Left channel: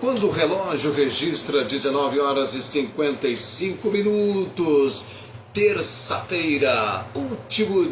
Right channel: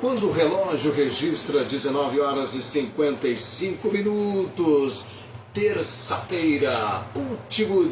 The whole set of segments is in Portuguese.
Quando o relógio registra 19 horas e 55 minutos, terça-feira, último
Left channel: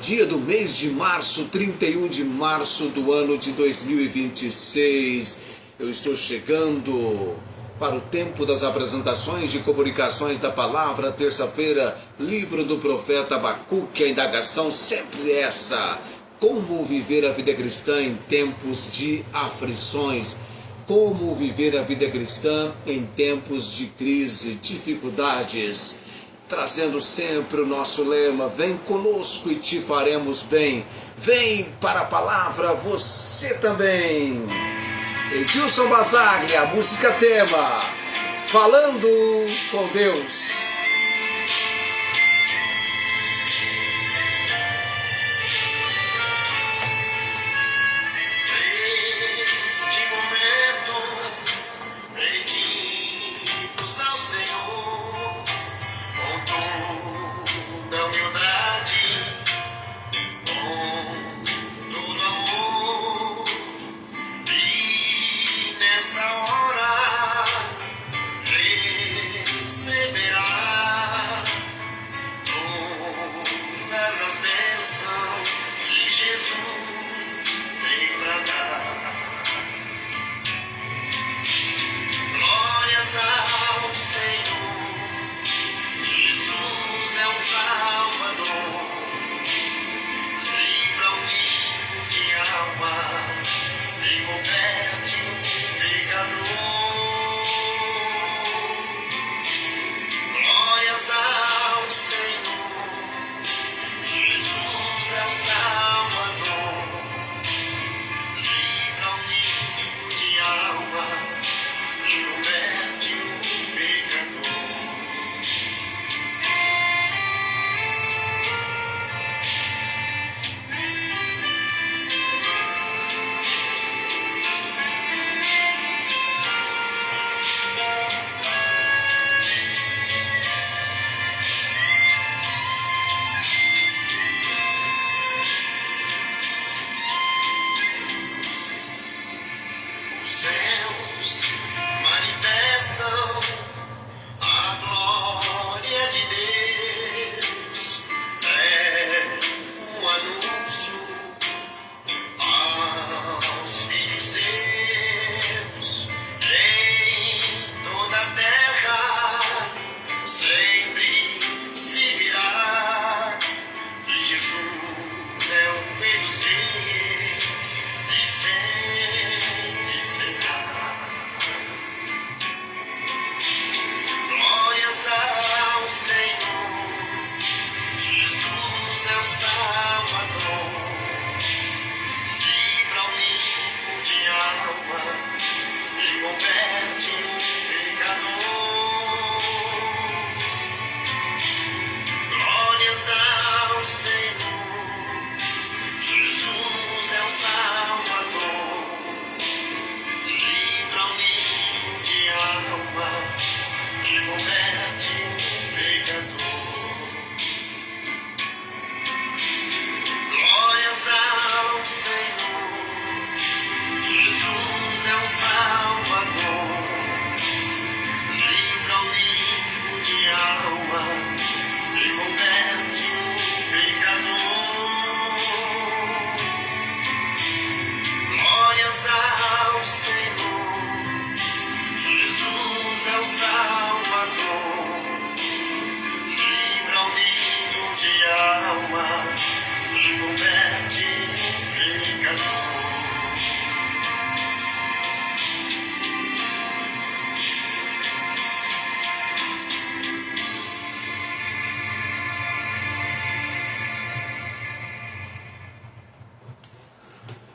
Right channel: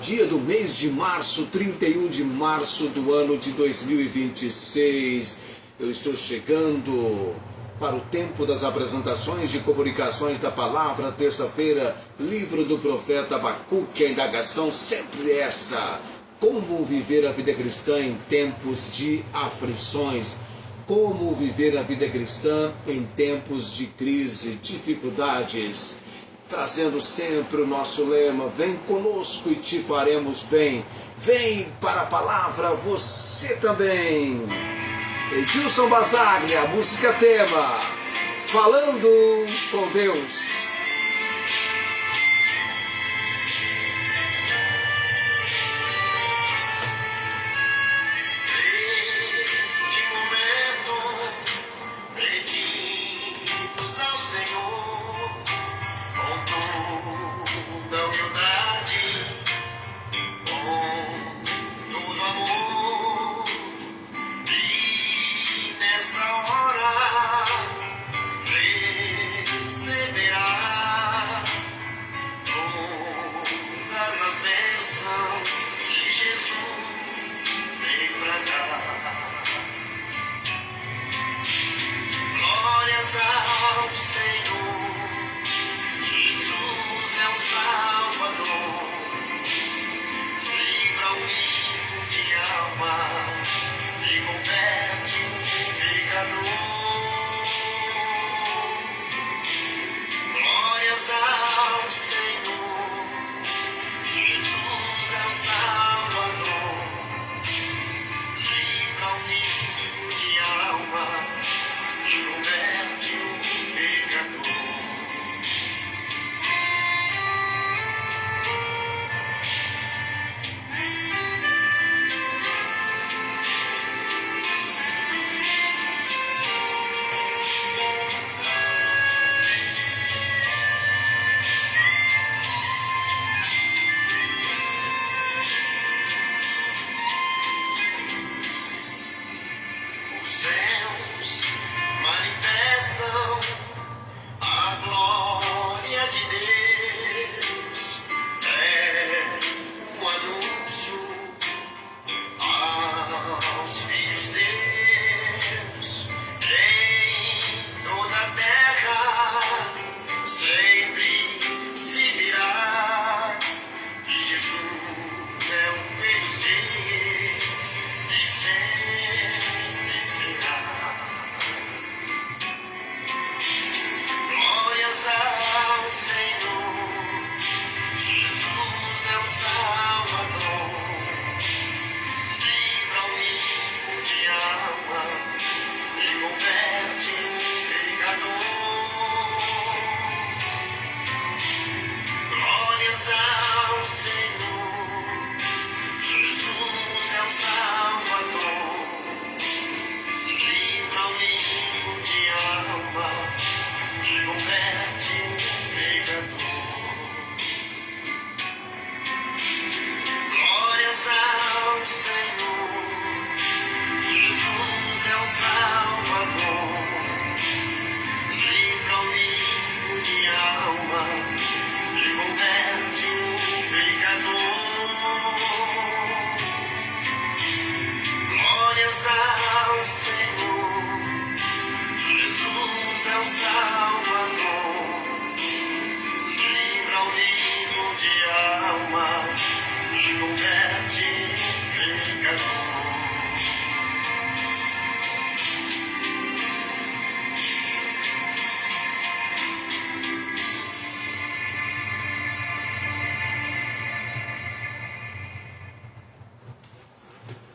dia do mês de março, 31 de março do ano de 2026. Eu estou chegando para o tempo das apresentações de comunicações da palavra, terça-feira, livro do profeta Abacuque, a indagação sempre essa: como viver a vida cristã em tempos de aflições? Como viver a vida cristã em tempos de crise, dificuldades? Trazendo sempre o nosso lema: vem conosco e te faremos bem. Vem para a palavra você também. Edilson Basaglia, música tema, falando com Deus.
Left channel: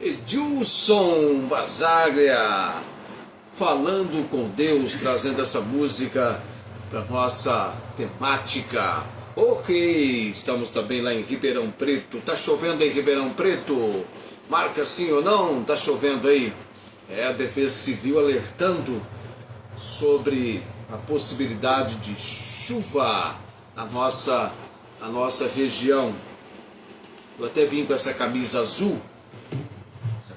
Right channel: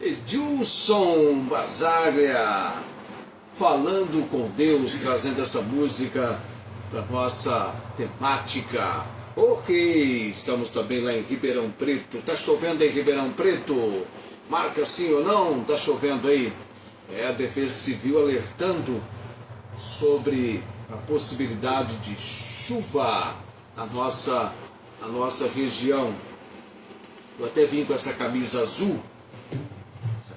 Edilson Basaglia, falando com Deus, trazendo essa música para nossa temática. Ok, estamos também lá em Ribeirão Preto. Tá chovendo em Ribeirão Preto? Marca sim ou não? Tá chovendo aí? É a Defesa Civil alertando sobre a possibilidade de chuva na nossa região. Eu até vim com essa camisa azul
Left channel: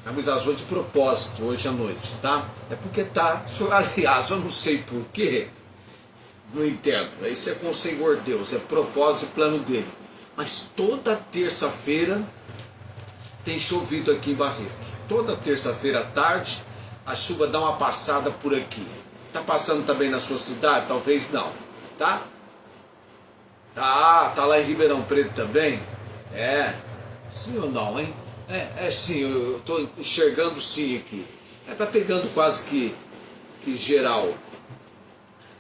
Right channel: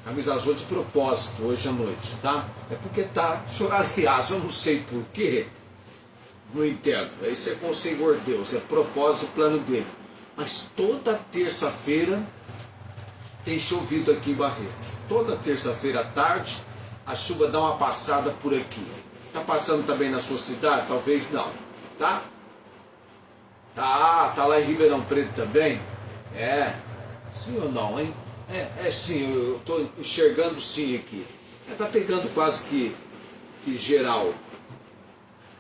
camisa azul de propósito hoje à noite, tá? É porque tá, aliás, eu não sei porquê, não entendo, isso é com o Senhor Deus, é propósito e plano dele. Mas toda terça-feira tem chovido aqui em Barretos. Toda terça-feira à tarde a chuva dá uma passada por aqui. Tá passando também na sua cidade? Talvez não, tá? Tá lá em Ribeirão Preto também? É, sim ou não, hein? Sim, eu tô enxergando sim aqui. Tá pegando quase que geral.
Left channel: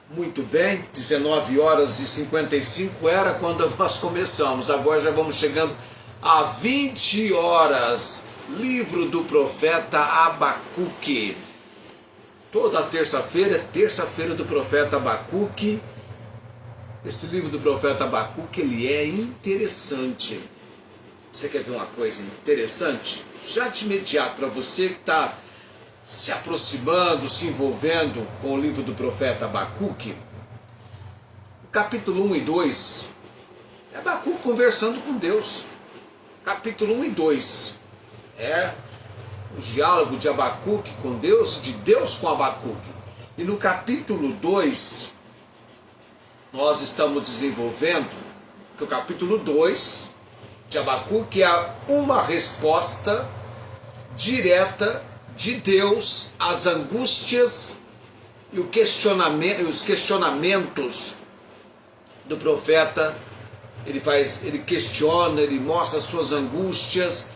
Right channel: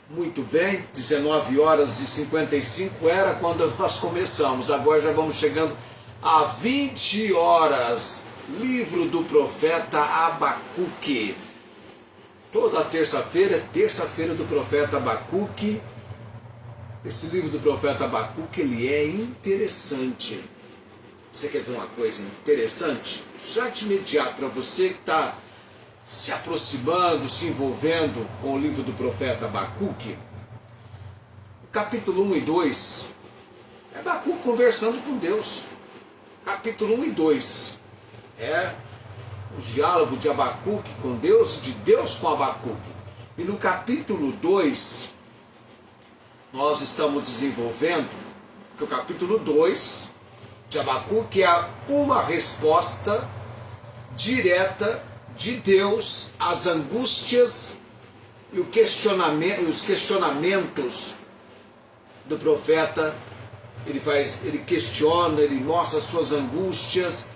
Muito bem, 19 horas e 55 era quando nós começamos. Agora já vamos chegando a 20 horas. Livro do profeta Abacuque. Toda terça-feira é terça-feira do profeta Abacuque. Esse livro do profeta Abacuque, ele é interessante. Você quer ver uma coisa interessante? Já de imediato, para você que está se aproximando, se envolvendo com o livro do profeta Abacuque, capítulo 1 e 2, é Abacuque conversando com Deus. Capítulo 1 e 2 é o diálogo de Abacuque com Deus, de Deus com Abacuque. E no capítulo 2, nós estamos desenvolvendo que o capítulo 2 de Abacuque é uma resposta direta de Deus às angústias e os questionamentos do profeta. Ele questiona, ele mostra as suas angústias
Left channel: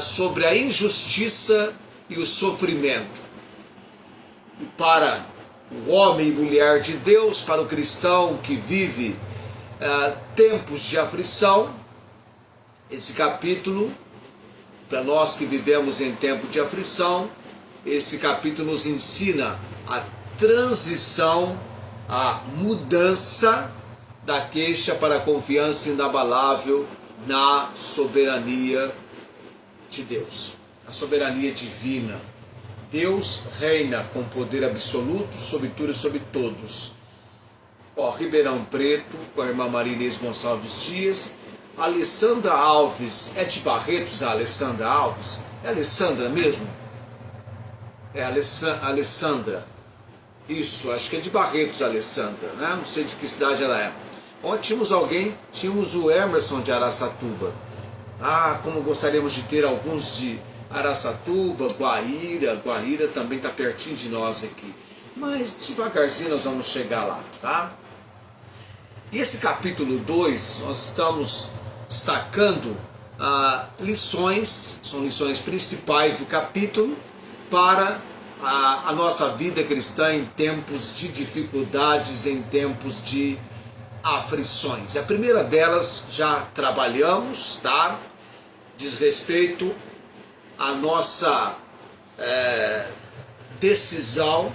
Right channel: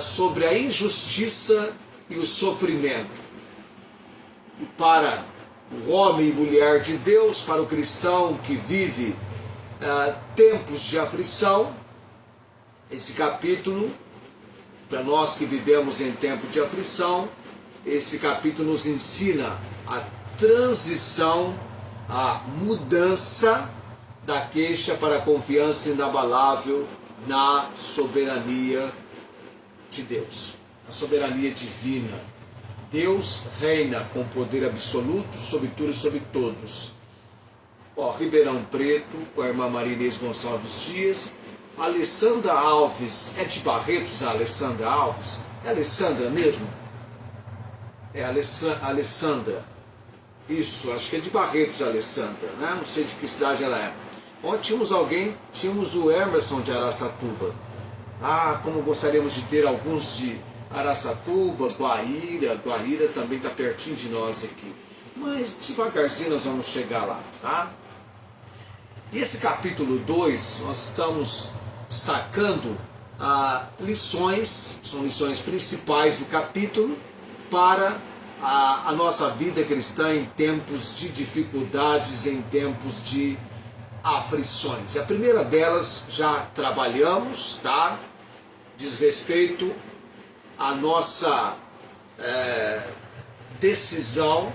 sobre a injustiça e o sofrimento. E para o homem e mulher de Deus, para o cristão que vive tempos de aflição, esse capítulo, para nós que vivemos em tempo de aflição, esse capítulo nos ensina a transição, a mudança da queixa para a confiança inabalável na soberania de Deus, a soberania divina. Deus reina com poder absoluto sobre tudo e sobre todos. Ribeirão Preto, com a irmã Maria Inês Gonçalves Dias. Alessandra Alves, é de Barretos a Alessandra Alves? É Alessandra mesmo? É Alessandra. Isso, acho que é de Barretos a Alessandra, né? Não sei de que cidade ela é. Ontem tínhamos o Emerson de Araçatuba. Como gostaríamos de ter alguns de Araçatuba, Guaíra também está pertinho de nós aqui. Mas devagarzinho nós vamos chegar lá, tá? E esse capítulo 2, nós estamos destacando lições, são lições principais do capítulo para a nossa vida cristã em tempos de dificuldades, em tempos de aflições. A primeira delas já trabalhamos, tá? Diz respeito à nossa decisão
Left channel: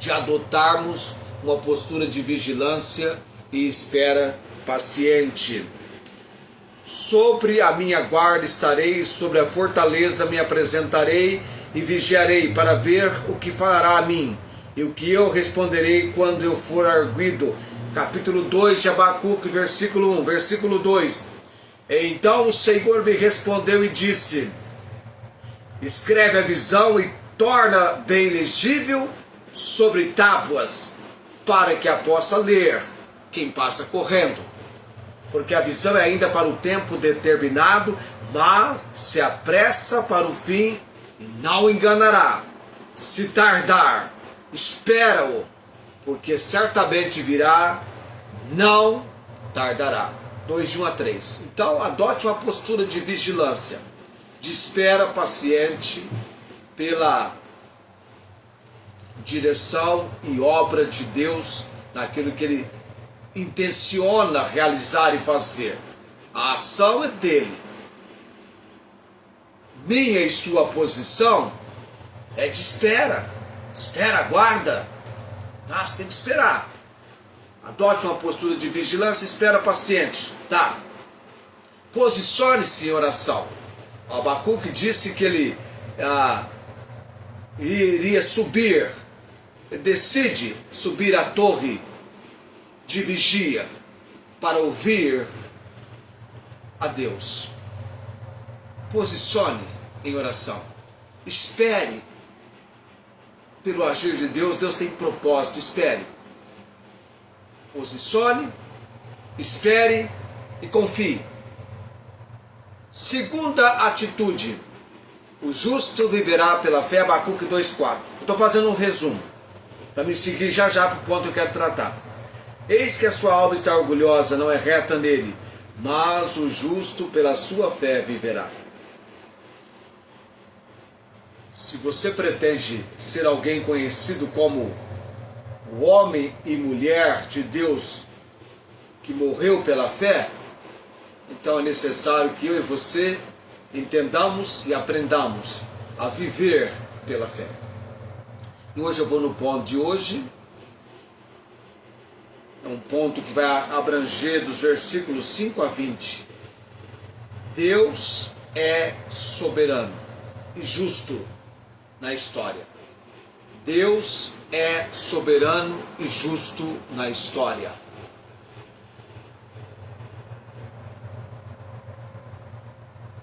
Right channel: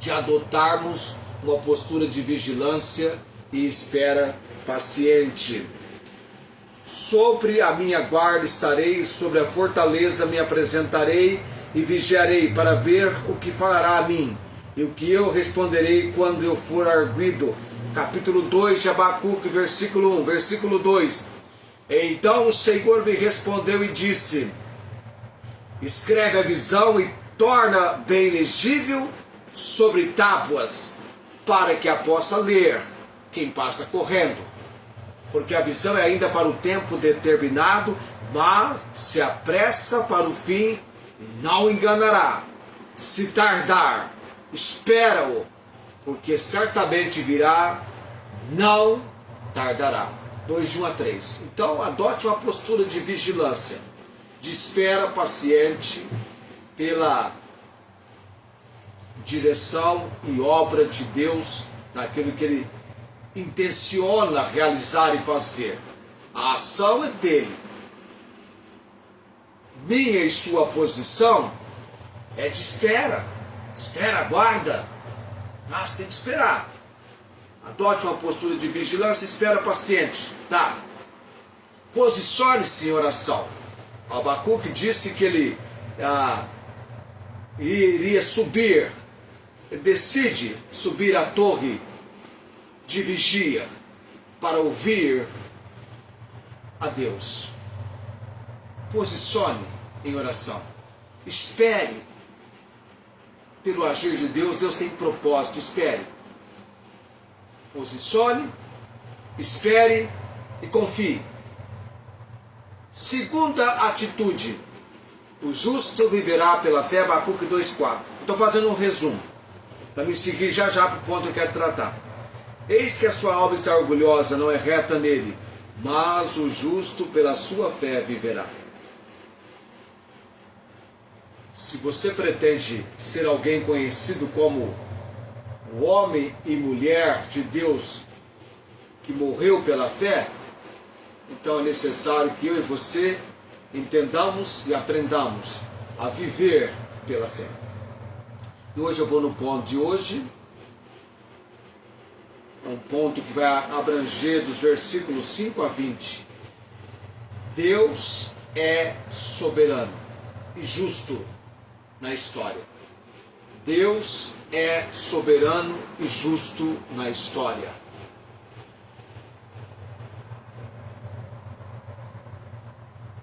de adotarmos uma postura de vigilância e espera paciente. Sobre a minha guarda estarei, sobre a fortaleza me apresentarei e vigiarei para ver o que fará a mim e o que eu responderei quando eu for arguido. Capítulo 2 de Abacuque, versículo 1, versículo 2. Então o Senhor me respondeu e disse: escreve a visão e torna bem legível sobre tábuas, para que a possa ler quem passa correndo. Porque a visão é ainda para o tempo determinado, mas se apressa para o fim e não enganará. Se tardar, espera-o, porque certamente virá, não tardará. 2 de 1 a 3. Então adote uma postura de vigilância, de espera paciente pela direção e obra de Deus naquilo que Ele intenciona realizar e fazer. A ação é dele. Minha e sua posição é de espera. Espera, aguarda. Você tem que esperar. Adote uma postura de vigilância, espera paciente. Tá. Posicione-se em oração. O Abacuque disse que ele iria subir. Decide subir a torre de vigia para ouvir a Deus. Posicione em oração. Espere pelo agir de Deus. Deus tem propósito. Espere. Posicione, espere e confie. Segunda atitude. O justo viverá pela fé. Abacuque 2,4. Estou fazendo um resumo, para me seguir já para o ponto que eu quero tratar. Eis que a sua alma está orgulhosa, não é reta nele, mas o justo pela sua fé viverá. Se você pretende ser alguém conhecido como o homem e mulher de Deus que morreu pela fé, então é necessário que eu e você entendamos e aprendamos a viver pela fé. E hoje eu vou no ponto de hoje. É um ponto que vai abranger dos versículos 5 a 20. Deus é soberano e justo na história. Deus é soberano e justo na história.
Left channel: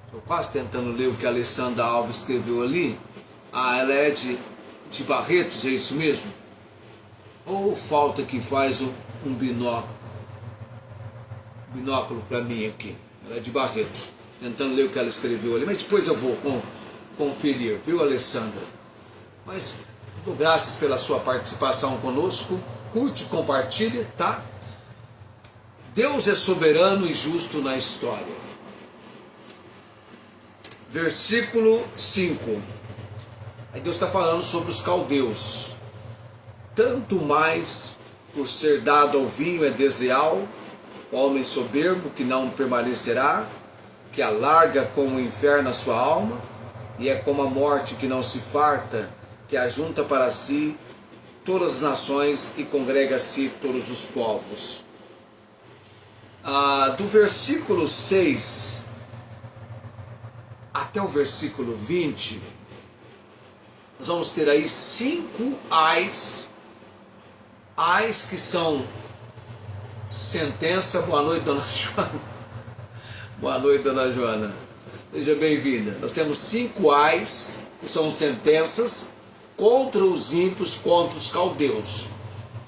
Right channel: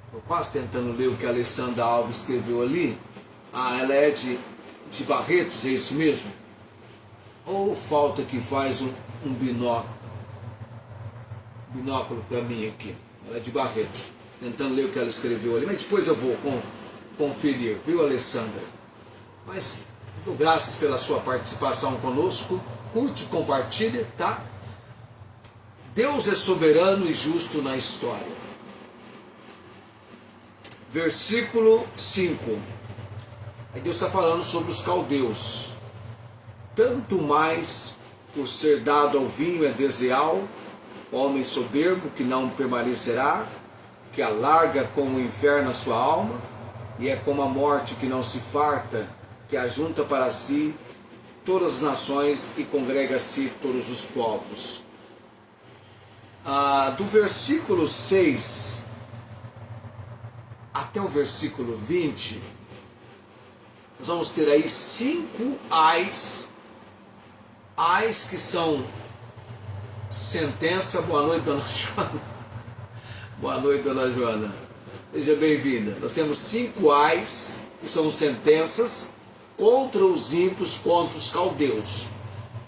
Estou quase tentando ler o que a Alessandra Alves escreveu ali. Ela é de Barretos, é isso mesmo? Ou falta que faz um binóculo para mim aqui. Ela é de Barretos, tentando ler o que ela escreveu ali, mas depois eu vou conferir, viu, Alessandra? Mas dou graças pela sua participação conosco. Curte, compartilha, tá? Deus é soberano e justo na história. Versículo 5. Aí Deus está falando sobre os caldeus. Tanto mais por ser dado ao vinho é desleal, o homem soberbo que não permanecerá, que alarga como o inferno a sua alma, e é como a morte que não se farta, que ajunta para si todas as nações e congrega a si todos os povos. Do versículo 6 até o versículo 20, nós vamos ter aí 5 ais que são sentença. Boa noite, dona Joana. Boa noite, dona Joana. Seja bem-vinda. Nós temos 5 ais, que são sentenças contra os ímpios, contra os caldeus,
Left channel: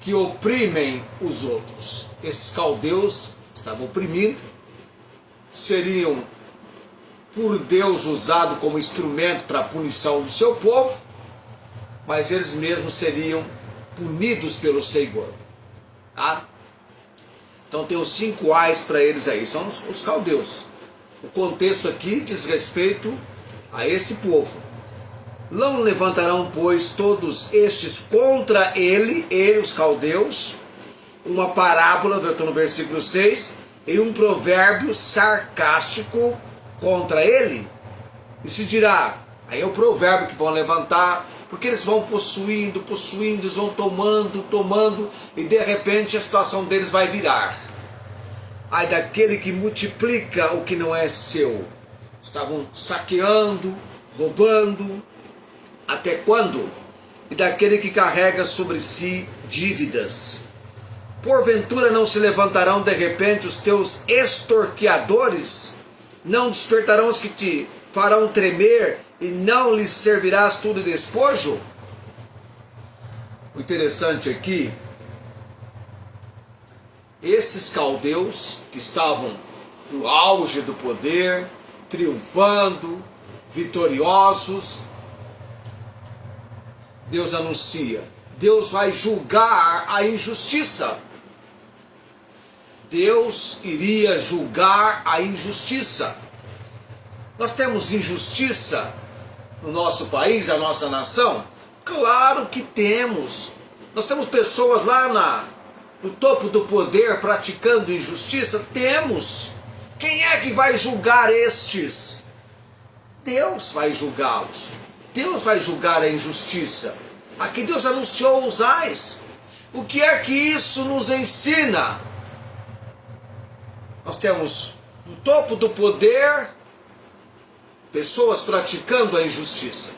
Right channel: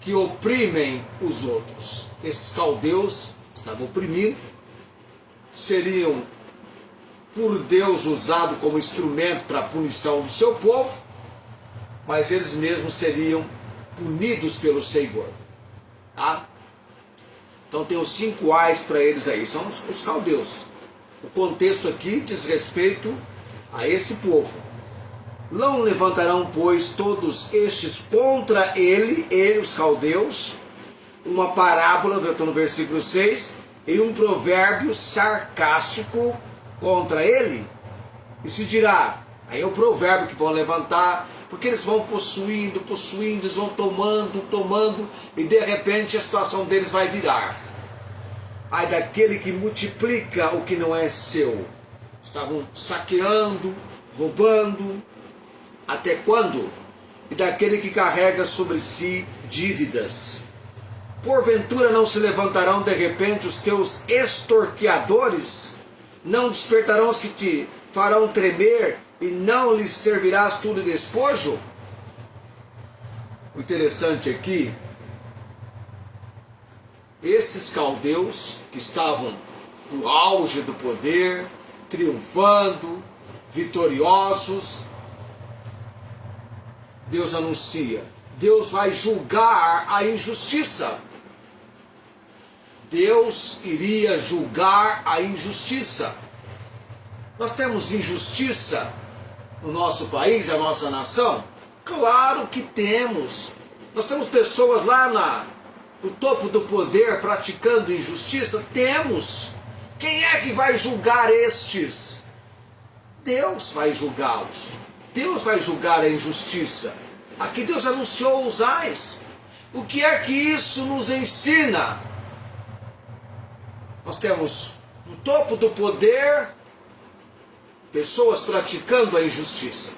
que oprimem os outros. Esses caldeus estavam oprimindo, seriam por Deus usados como instrumento para a punição do seu povo, mas eles mesmos seriam punidos pelo Senhor. Tá? Então tem os 5 ais para eles aí, são os caldeus. O contexto aqui diz respeito a esse povo. Não levantarão, pois, todos estes contra ele, os caldeus, uma parábola, eu estou no versículo 6, e um provérbio sarcástico contra ele? E se dirá, aí é o provérbio que vão levantar, porque eles vão possuindo, eles vão tomando, e de repente a situação deles vai virar. Ai daquele que multiplica o que não é seu. Estavam saqueando, roubando, até quando? E daquele que carrega sobre si dívidas. Porventura não se levantarão de repente os teus extorqueadores? Não despertarão os que te farão tremer, e não lhes servirás tudo de despojo? O interessante aqui, esses caldeus que estavam no auge do poder, triunfando, vitoriosos, Deus anuncia, Deus vai julgar a injustiça. Deus iria julgar a injustiça. Nós temos injustiça no nosso país, a nossa nação? Claro que temos. Nós temos pessoas lá no topo do poder praticando injustiça? Temos. Quem é que vai julgar estes? Deus vai julgá-los. Deus vai julgar a injustiça. Aqui Deus anunciou os ais. O que é que isso nos ensina? Nós temos no topo do poder pessoas praticando a injustiça.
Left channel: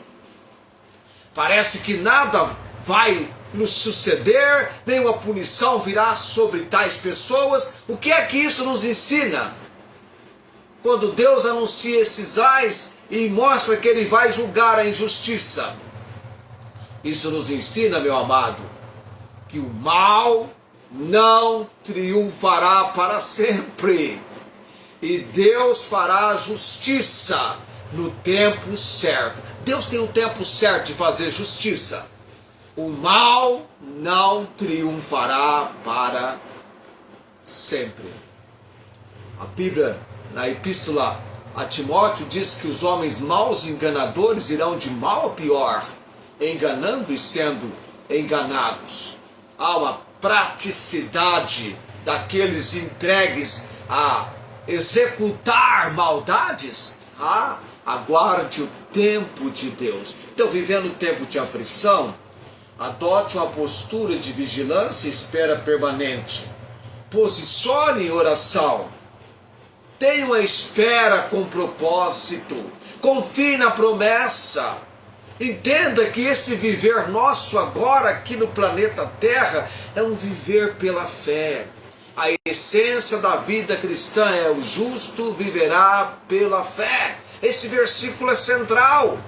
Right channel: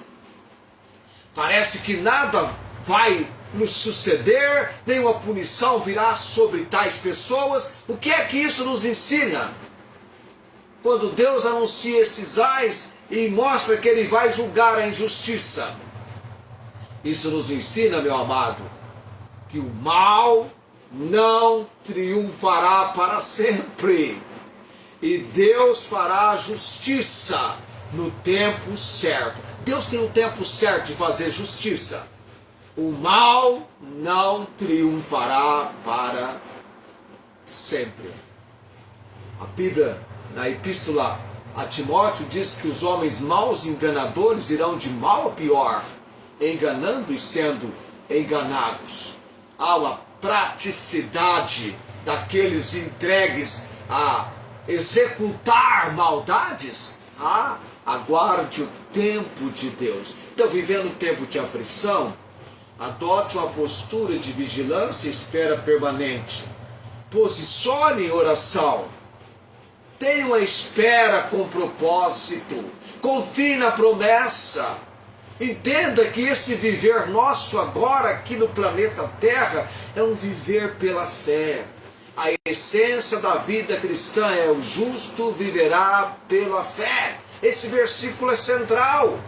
Parece que nada vai nos suceder, nenhuma punição virá sobre tais pessoas. O que é que isso nos ensina? Quando Deus anuncia esses ais, e mostra que ele vai julgar a injustiça. Isso nos ensina, meu amado, que o mal não triunfará para sempre. E Deus fará a justiça no tempo certo. Deus tem um tempo certo de fazer justiça. O mal não triunfará para sempre. A Bíblia, na epístola a Timóteo, diz que os homens maus e enganadores irão de mal a pior, enganando e sendo enganados. Há uma praticidade daqueles entregues a executar maldades. Aguarde o tempo de Deus. Então, vivendo um tempo de aflição, adote uma postura de vigilância e espera permanente. Posicione em oração. Tenha uma espera com propósito. Confie na promessa. Entenda que esse viver nosso agora aqui no planeta Terra é um viver pela fé. A essência da vida cristã é: o justo viverá pela fé. Esse versículo é central,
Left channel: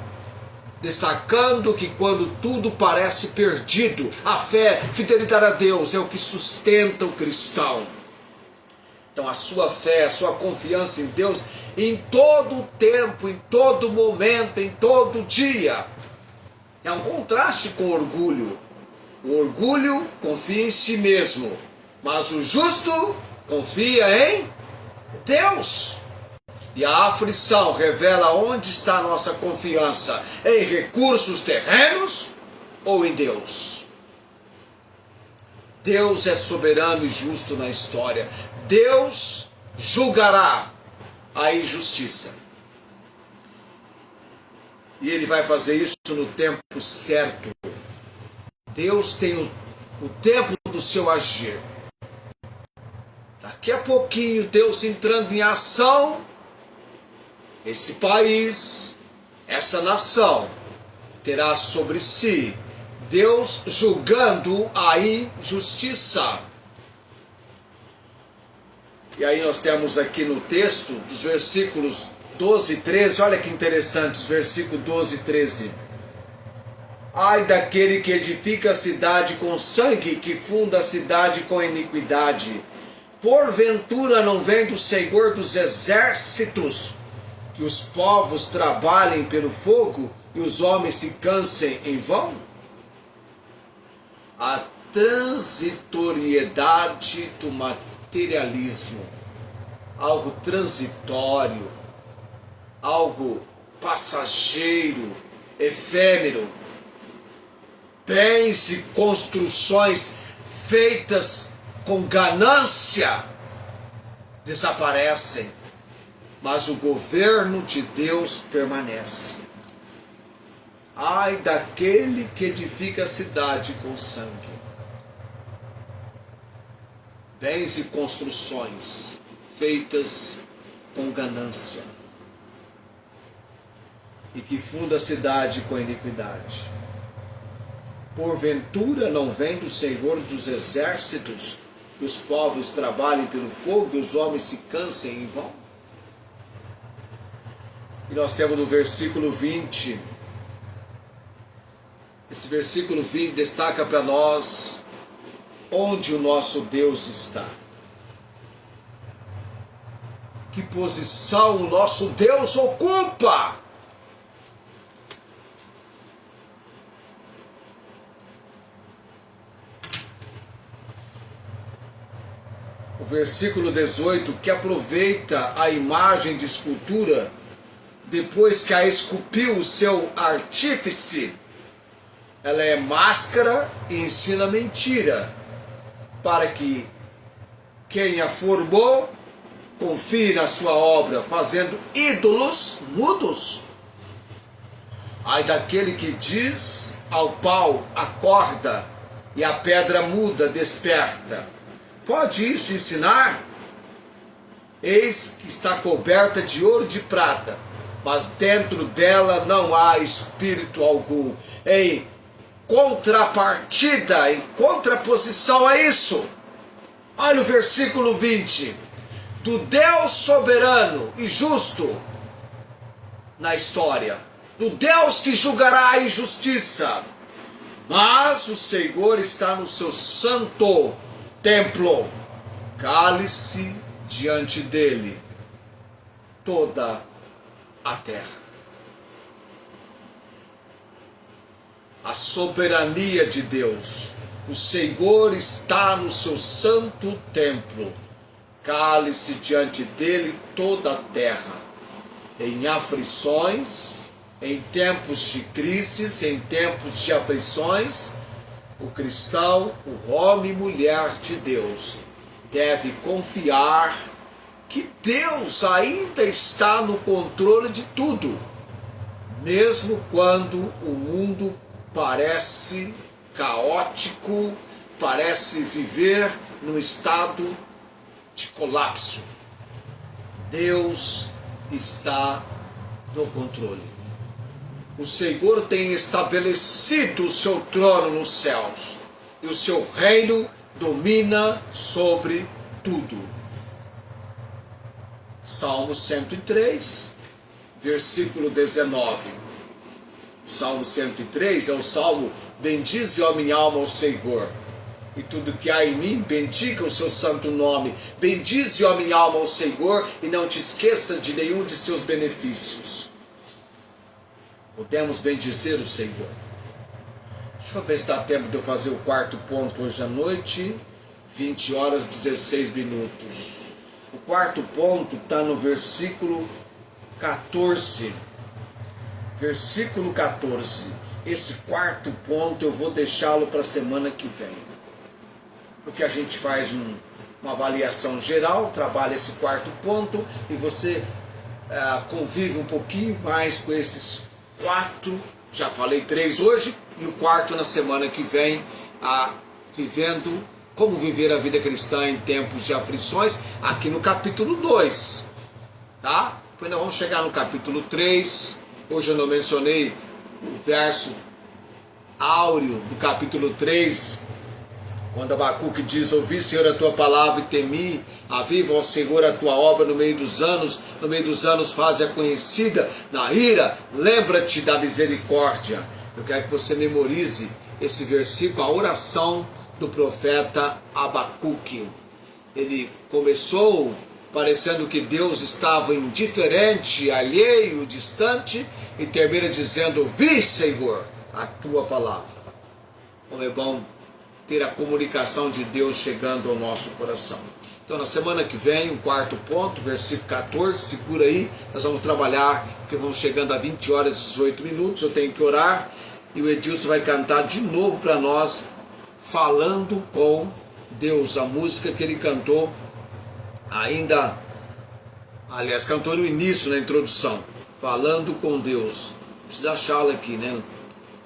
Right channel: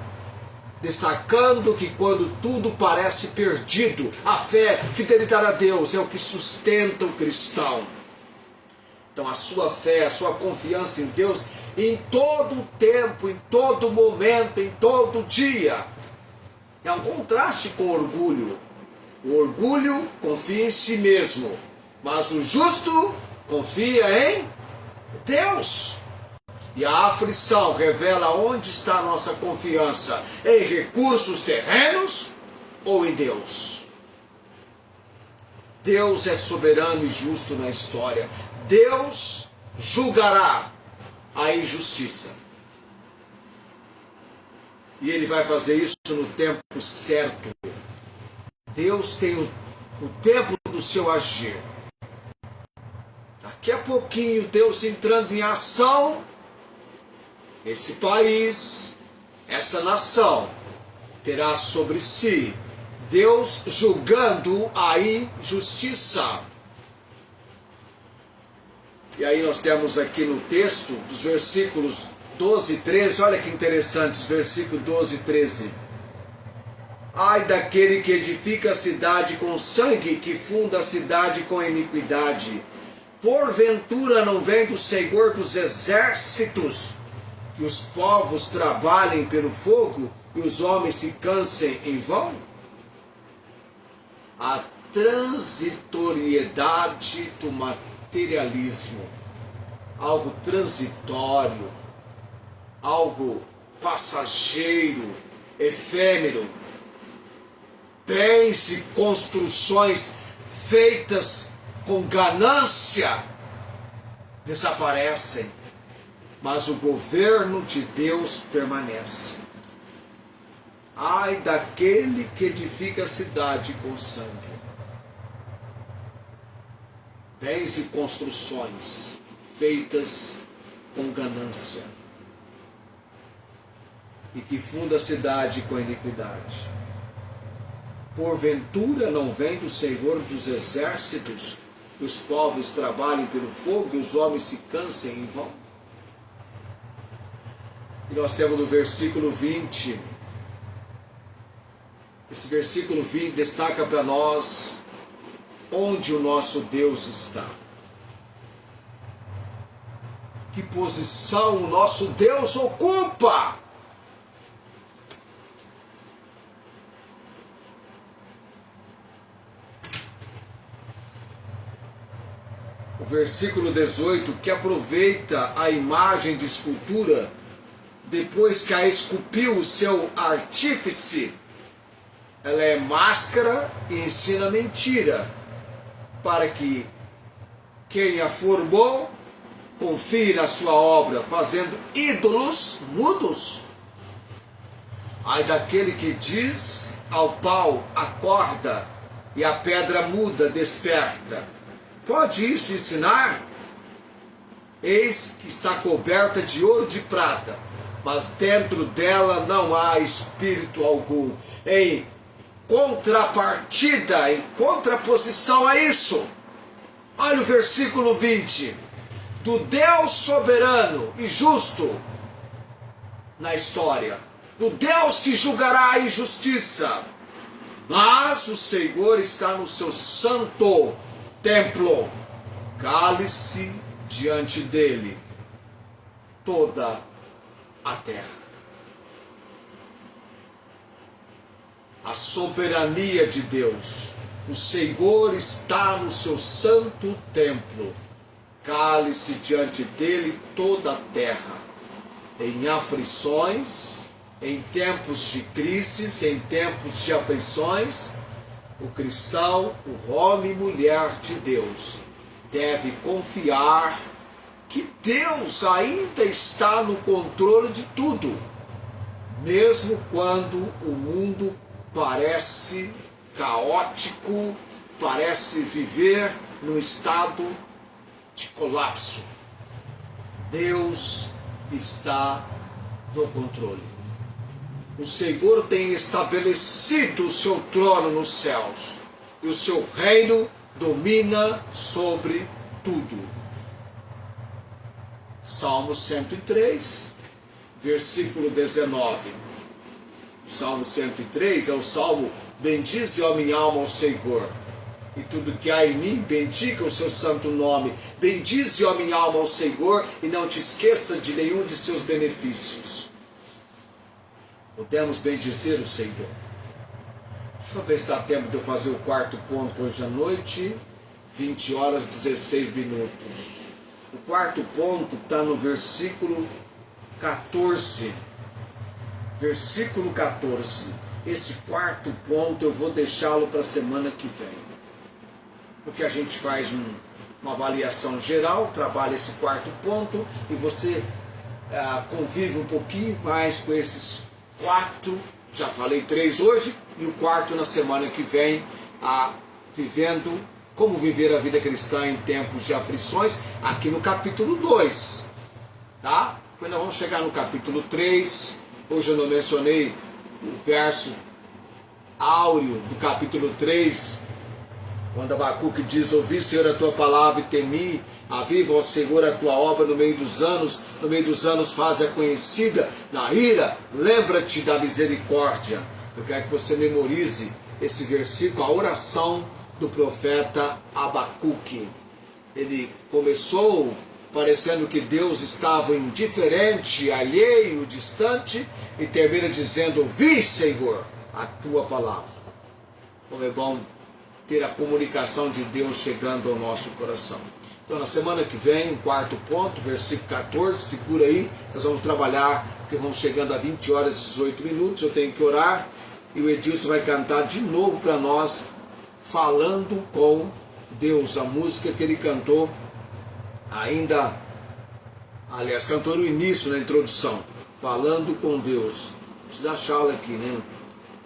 destacando que quando tudo parece perdido, a fé, fidelidade a Deus é o que sustenta o cristão. Então a sua fé, a sua confiança em Deus, em todo tempo, em todo momento, em todo dia, é um contraste com o orgulho. O orgulho confia em si mesmo, mas o justo confia em Deus. E a aflição revela onde está a nossa confiança: em recursos terrenos ou em Deus. Deus é soberano e justo na história. Deus julgará a injustiça. E Ele vai fazer isso no tempo certo. Deus tem o tempo do seu agir. Daqui a pouquinho, Deus entrando em ação, esse país, essa nação, terá sobre si Deus julgando a injustiça. E aí nós temos aqui no texto, dos versículos 12 e 13, olha que interessante, os versículos 12 e 13. Ai daquele que edifica a cidade com sangue, que funda a cidade com iniquidade. Porventura não vem do Senhor dos exércitos que os povos trabalhem pelo fogo e os homens se cansem em vão? A transitoriedade do materialismo, algo transitório, algo passageiro, efêmero, bens e construções feitas com ganância desaparecem, mas o governo de Deus permanece. Ai daquele que edifica a cidade com sangue. Bens e construções feitas com ganância, e que funda a cidade com iniquidade. Porventura não vem do Senhor dos exércitos que os povos trabalhem pelo fogo e os homens se cansem em vão? E nós temos no versículo 20, esse versículo 20 destaca para nós onde o nosso Deus está. Que posição o nosso Deus ocupa? O versículo 18, que aproveita a imagem de escultura, depois que a esculpiu o seu artífice, ela é máscara e ensina mentira, para que quem a formou confie na sua obra, fazendo ídolos mudos. Ai daquele que diz ao pau, acorda, e a pedra muda, desperta. Pode isso ensinar? Eis que está coberta de ouro e de prata, mas dentro dela não há espírito algum. Em contrapartida, em contraposição a isso, olha o versículo 20. Do Deus soberano e justo, na história, do Deus que julgará a injustiça. Mas o Senhor está no seu santo templo. Cale-se diante dele toda a terra. A soberania de Deus. O Senhor está no seu santo templo. Cale-se diante dele toda a terra. Em aflições, em tempos de crises, em tempos de aflições, o cristão, o homem e mulher de Deus, deve confiar que Deus ainda está no controle de tudo, mesmo quando o mundo parece caótico, parece viver num estado de colapso. Deus está no controle. O Senhor tem estabelecido o seu trono nos céus, e o seu reino domina sobre tudo. Salmo 103, versículo 19. Salmo 103 é o salmo: bendize, ó minha alma, ao Senhor, e tudo que há em mim, bendiga o seu santo nome. Bendize, ó minha alma, ao Senhor, e não te esqueça de nenhum de seus benefícios. Podemos bendizer o Senhor. Deixa eu ver se dá tempo de eu fazer o quarto ponto hoje à noite. 20 horas 16 minutos. O quarto ponto está no versículo 14. Versículo 14. Esse quarto ponto eu vou deixá-lo para a semana que vem. Porque a gente faz uma avaliação geral, trabalha esse quarto ponto e você convive um pouquinho mais com esses 4, já falei 3 hoje, e o quarto na semana que vem, vivendo, como viver a vida cristã em tempos de aflições, aqui no capítulo 2, tá? Depois nós vamos chegar no capítulo 3, hoje eu não mencionei o verso áureo do capítulo 3, quando Abacuque diz: ouvi, Senhor, a tua palavra e temi, aviva, ó Senhor, a tua obra no meio dos anos faze-a conhecida, na ira, lembra-te da misericórdia. Eu quero que você memorize esse versículo, a oração do profeta Abacuque. Ele começou parecendo que Deus estava indiferente, alheio, distante, e termina dizendo: ouvi, Senhor, a tua palavra. Como é bom ter a comunicação de Deus chegando ao nosso coração. Então, na semana que vem, o quarto ponto, versículo 14, segura aí, nós vamos trabalhar, porque vamos chegando a 20 horas e 18 minutos, eu tenho que orar, e o Edilson vai cantar de novo para nós, falando com Deus, a música que ele cantou ainda, aliás, cantou no início, na introdução, falando com Deus. Preciso achá-la aqui, né?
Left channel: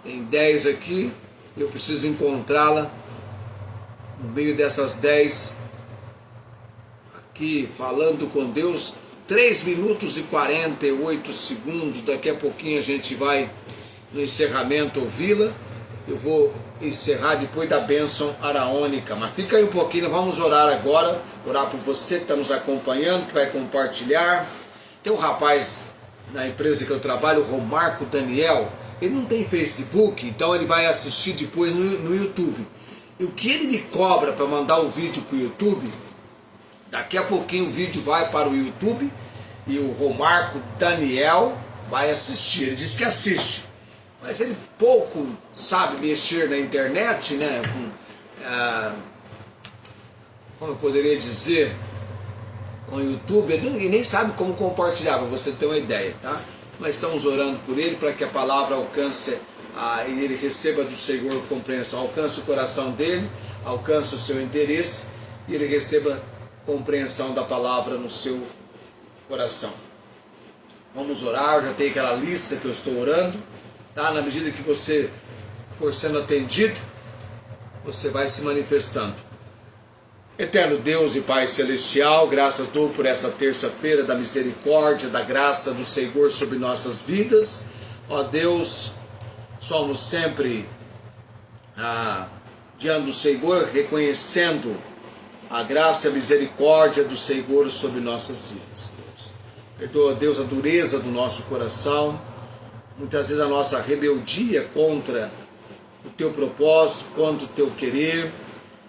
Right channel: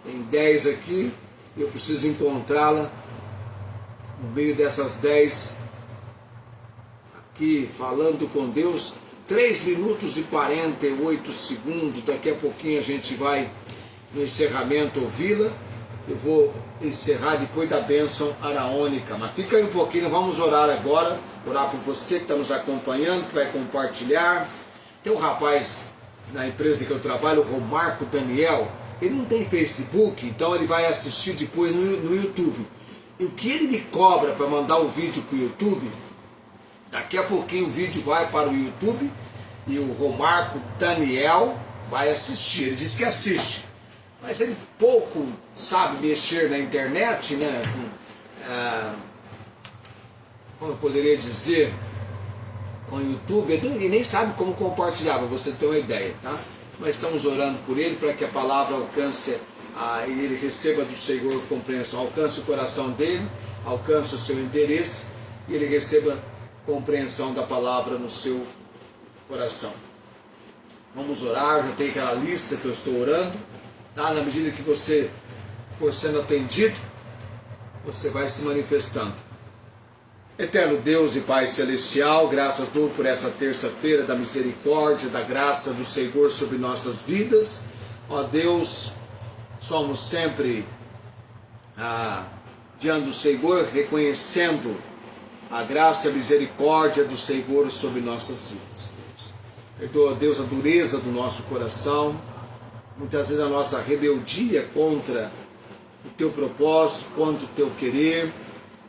Tem 10 aqui, eu preciso encontrá-la no meio dessas 10 aqui, falando com Deus, 3 minutos e 48 segundos, daqui a pouquinho a gente vai no encerramento ouvi-la, eu vou encerrar depois da bênção araônica, mas fica aí um pouquinho, vamos orar agora, orar por você que está nos acompanhando, que vai compartilhar. Tem um rapaz na empresa que eu trabalho, o Romarco Daniel, ele não tem Facebook, então ele vai assistir depois no YouTube. E o que ele me cobra para mandar o vídeo para o YouTube, daqui a pouquinho o vídeo vai para o YouTube e o Romarco Daniel vai assistir. Ele diz que assiste, mas ele pouco sabe mexer na internet, né? Como eu poderia dizer, com o YouTube, e nem sabe como compartilhar, para você ter uma ideia, tá? Mas estamos orando por ele, para que a palavra alcance, e ele receba do Senhor compreensão, alcance o coração dele, alcance o seu interesse, e ele receba compreensão da palavra no seu coração. Vamos orar, já tem aquela lista que eu estou orando, tá? Na medida que você for sendo atendido, você vai se manifestando. Eterno Deus e Pai Celestial, graças dou por essa terça-feira da misericórdia, da graça do Senhor sobre nossas vidas. Ó Deus, somos sempre diante do Senhor, reconhecendo a graça e a misericórdia do Senhor sobre nossas vidas, Deus. Perdoa, Deus, a dureza do nosso coração, muitas vezes a nossa rebeldia contra o teu propósito, contra o teu querer,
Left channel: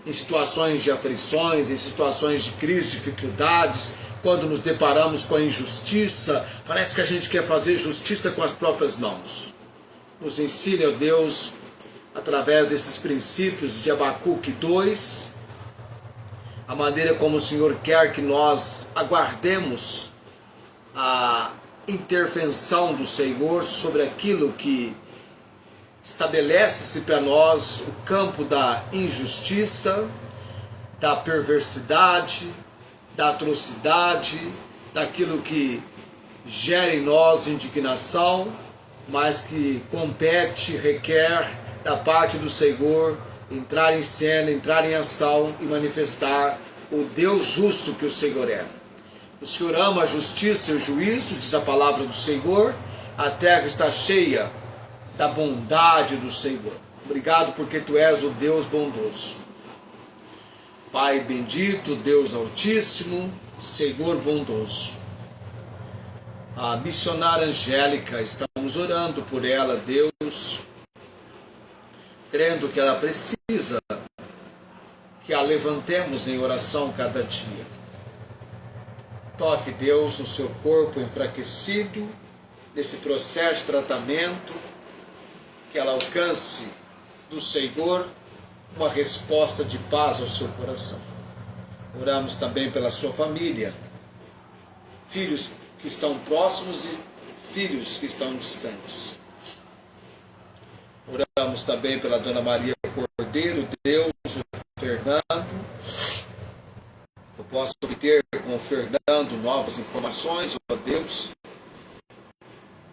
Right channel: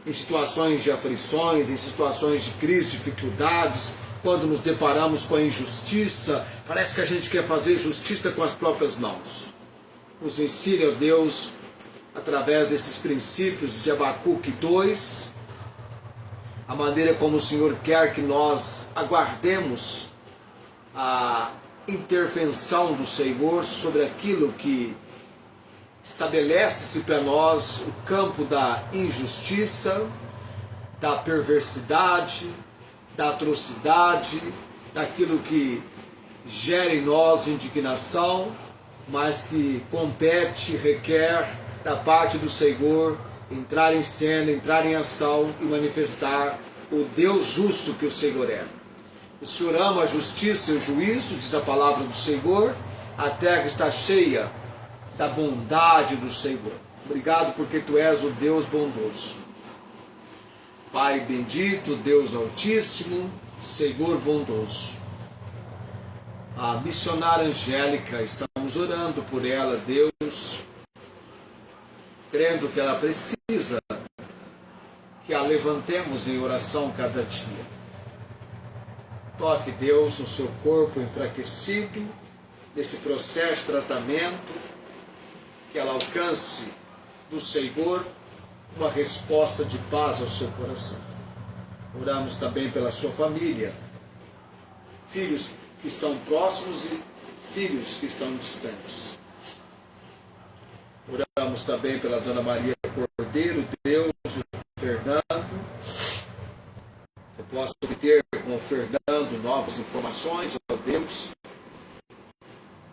em situações de aflições, em situações de crise, dificuldades, quando nos deparamos com a injustiça, parece que a gente quer fazer justiça com as próprias mãos. Nos ensine, ó Deus, através desses princípios de Abacuque 2, a maneira como o Senhor quer que nós aguardemos a intervenção do Senhor sobre aquilo que estabelece-se para nós o campo da injustiça, da perversidade, da atrocidade, daquilo que gera em nós indignação, mas que compete, requer da parte do Senhor entrar em cena, entrar em ação e manifestar o Deus justo que o Senhor é. O Senhor ama a justiça e o juízo, diz a palavra do Senhor, a terra está cheia da bondade do Senhor. Obrigado porque Tu és o Deus bondoso. Pai bendito, Deus altíssimo, Senhor bondoso. A missionária Angélica, estamos orando por ela, Deus, crendo que ela precisa que a levantemos em oração cada dia. Toque, Deus, no seu corpo enfraquecido, nesse processo de tratamento, que ela alcance do Senhor uma resposta de paz ao seu coração. Oramos também pela sua família, filhos que estão próximos e filhos que estão distantes. Oramos também pela Dona Maria Cordeiro, Deus, o Fernando. Eu posso obter com o Fernando novas informações, ó Deus,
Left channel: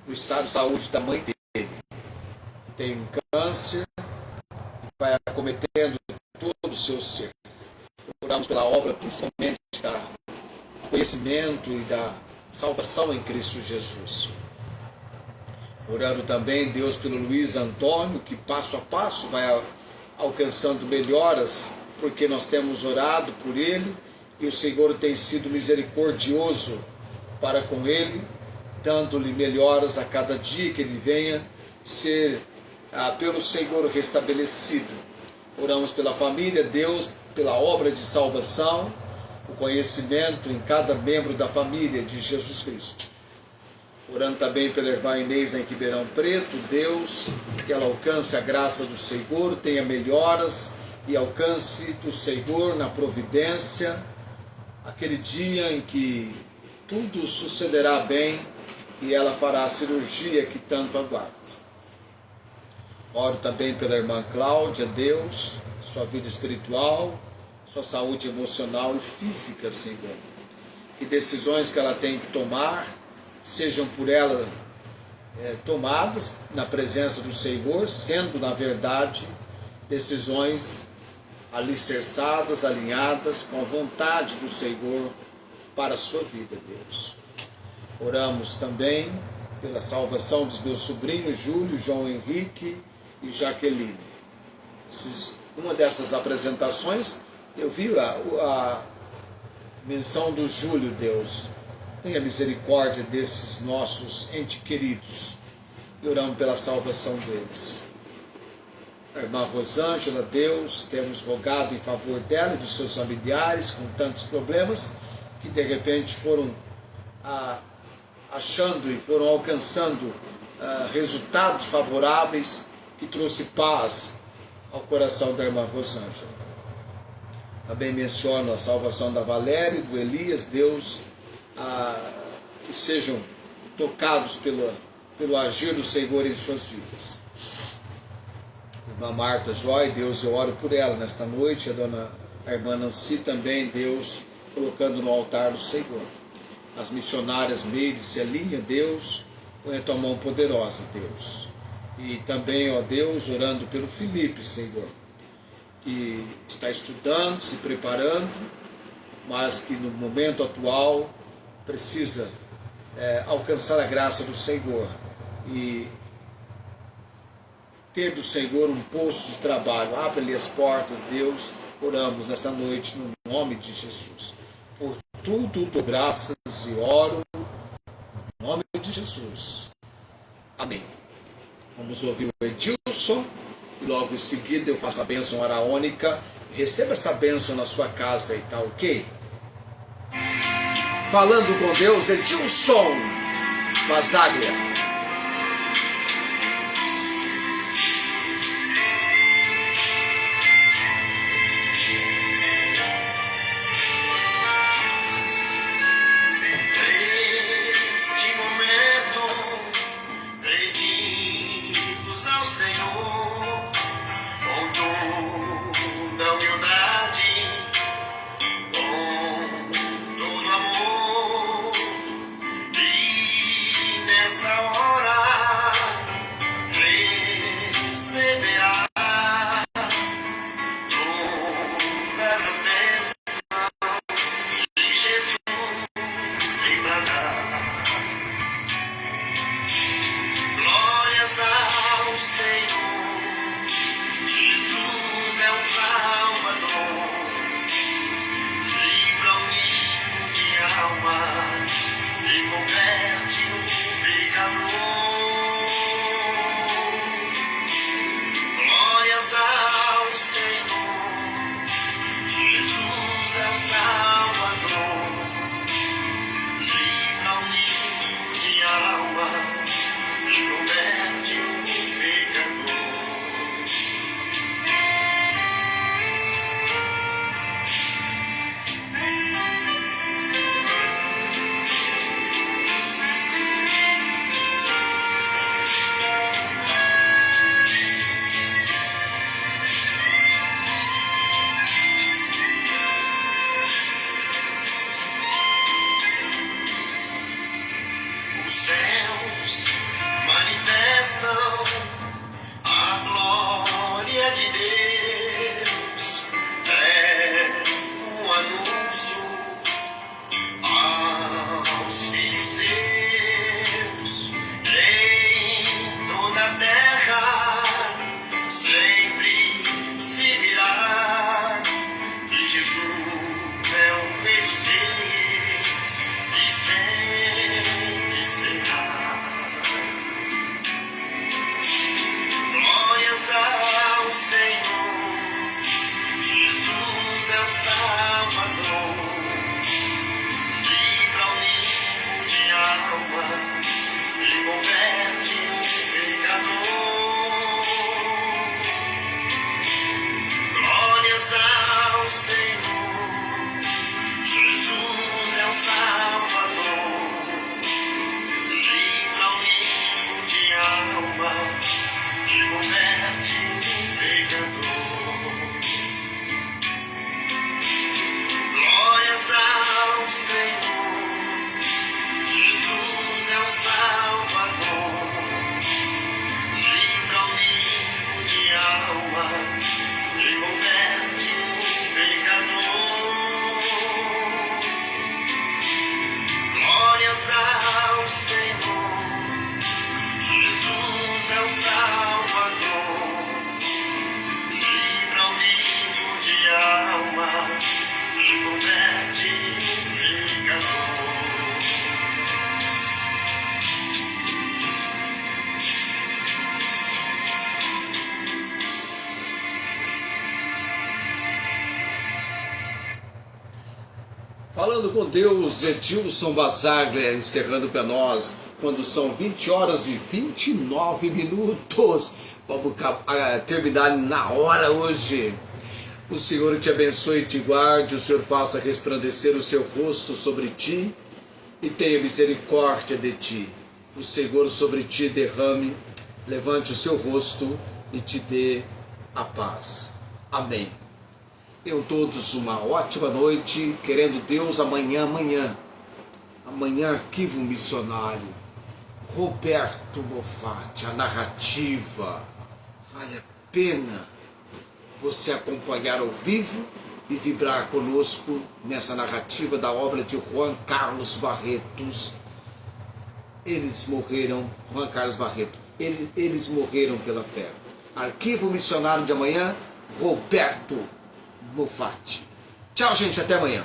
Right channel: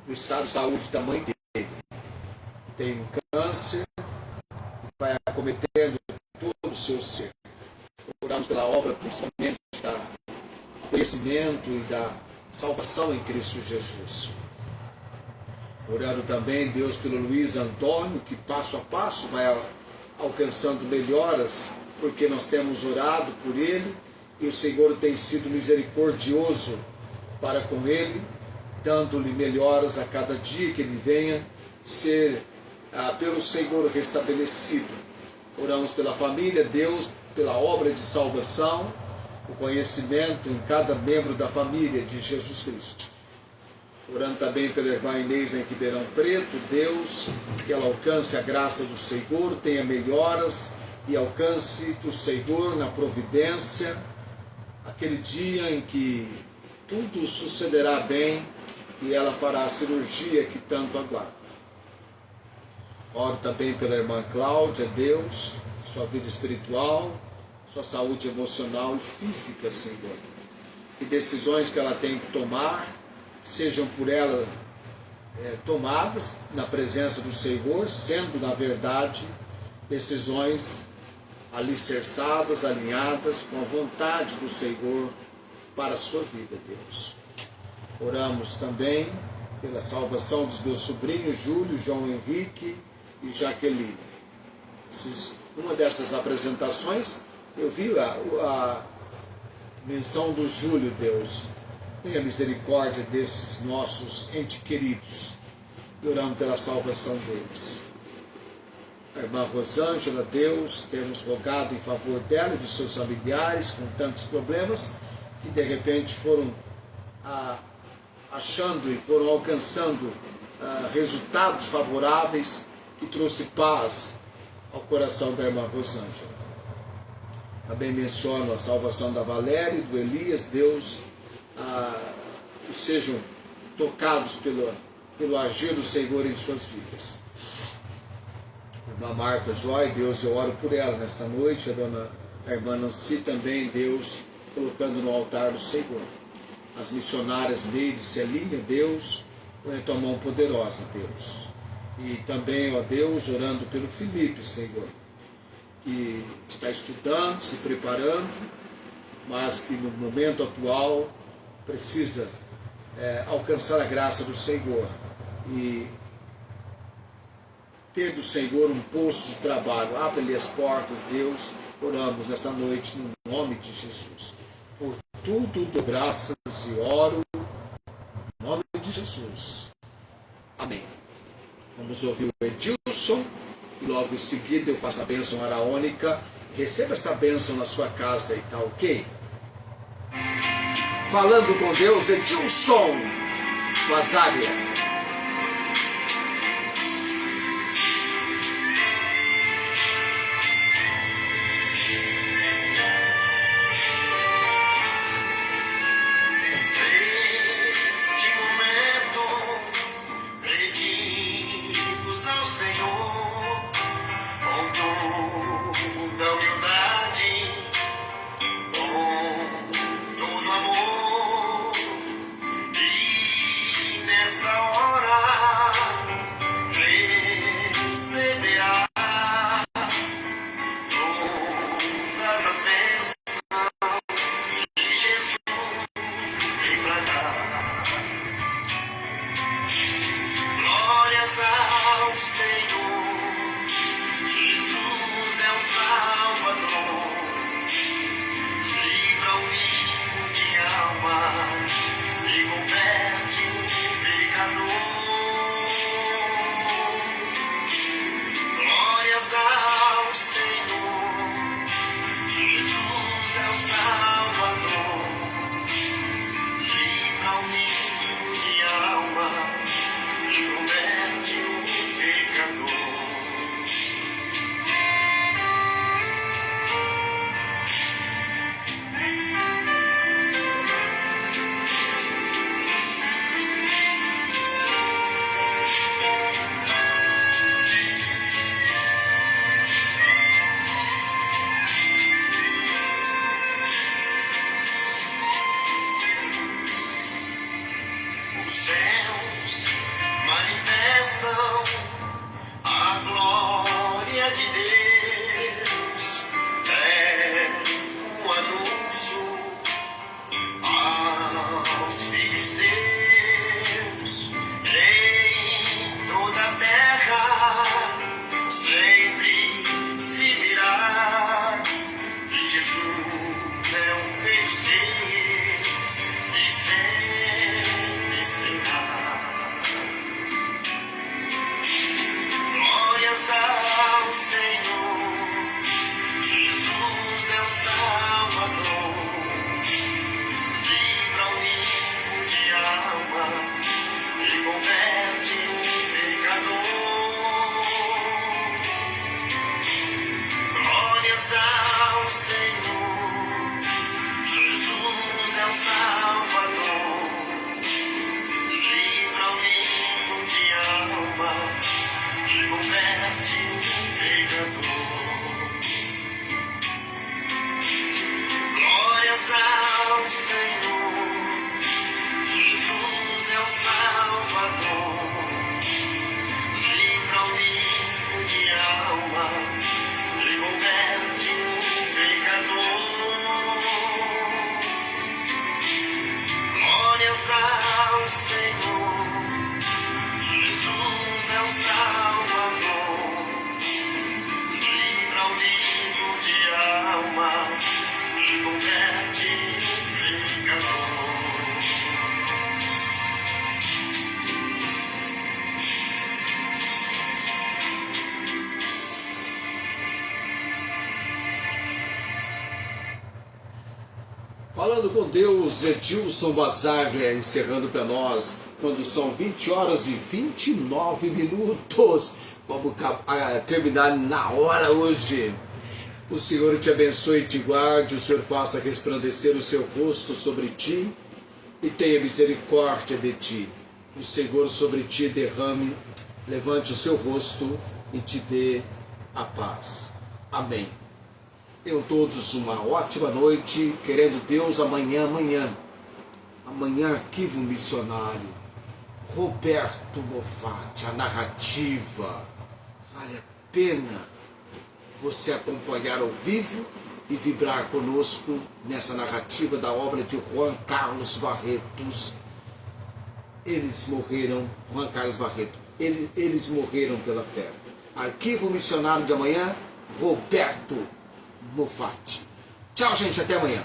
do estado de saúde da mãe dele. Tem um câncer que vai acometendo todo o seu ser. Oramos pela obra, principalmente do conhecimento e da salvação em Cristo Jesus. Orando também, Deus, pelo Luiz Antônio, que passo a passo vai alcançando melhoras, porque nós temos orado por ele e o Senhor tem sido misericordioso para com ele, dando-lhe melhoras a cada dia que ele venha ser pelo Senhor restabelecido. Oramos pela família, Deus, pela obra de salvação, o conhecimento em cada membro da família de Jesus Cristo. Orando também pela irmã Inês em Ribeirão Preto, Deus, que ela alcance a graça do Senhor, tenha melhoras e alcance do Senhor na providência, aquele dia em que tudo sucederá bem e ela fará a cirurgia que tanto aguarda. Oro também pela irmã Cláudia, Deus, sua vida espiritual, sua saúde emocional e física, Senhor. Que decisões que ela tem que tomar sejam por ela tomadas na presença do Senhor, sendo, na verdade, decisões alicerçadas, alinhadas com a vontade do Senhor para a sua vida, Deus. Oramos também pela salvação dos meus sobrinhos, Júlio, João Henrique e Jaqueline. Uma dessas apresentações, eu vi a menção do Júlio, Deus. Tenha misericórdia desses nossos entes queridos. E oramos pela salvação deles. A irmã Rosângela, Deus, temos rogado em favor dela e dos seus familiares com tantos problemas que de repente foram achando e foram alcançando resultados favoráveis que trouxe paz ao coração da irmã Rosângela. Também menciono a salvação da Valéria e do Elias, Deus, que sejam tocados pelo agir do Senhor em suas vidas. Irmã Marta Joy, Deus, eu oro por ela nesta noite, a irmã Nancy também, Deus, colocando no altar do Senhor. As missionárias Meide e Celinha, Deus, põe a tua mão poderosa, Deus. E também, ó Deus, orando pelo Felipe, Senhor, que está estudando, se preparando, mas que no momento atual precisa alcançar a graça do Senhor e ter do Senhor um posto de trabalho. Abre-lhe as portas, Deus. Oramos nessa noite no nome de Jesus. Por tudo dou graças e oro Em nome de Jesus. Amém. Vamos ouvir o Edilson. E logo em seguida eu faço a bênção araônica. Receba essa bênção na sua casa e tá ok? Falando com Deus, Edilson Basaglia. Falando com Deus, Edilson Basaglia, encerrando para nós, quando são 20 horas e 29 minutos. Vamos terminar na hora hoje. O Senhor te abençoe e te guarde, o Senhor faça resplandecer o seu rosto sobre ti e tenha misericórdia de ti. O Senhor sobre ti derrame, levante o seu rosto e te dê a paz. Amém. Tenham todos uma ótima noite, querendo Deus, amanhã, Arquivo Missionário, Roberto Moffatti, a narrativa. Vale a pena você acompanhar ao vivo e vibrar conosco nessa narrativa da obra de Juan Carlos Barretos. Eles morreram, Juan Carlos Barreto, eles morreram pela fé. Arquivo Missionário de amanhã, Roberto Moffatti. Tchau, gente, até amanhã.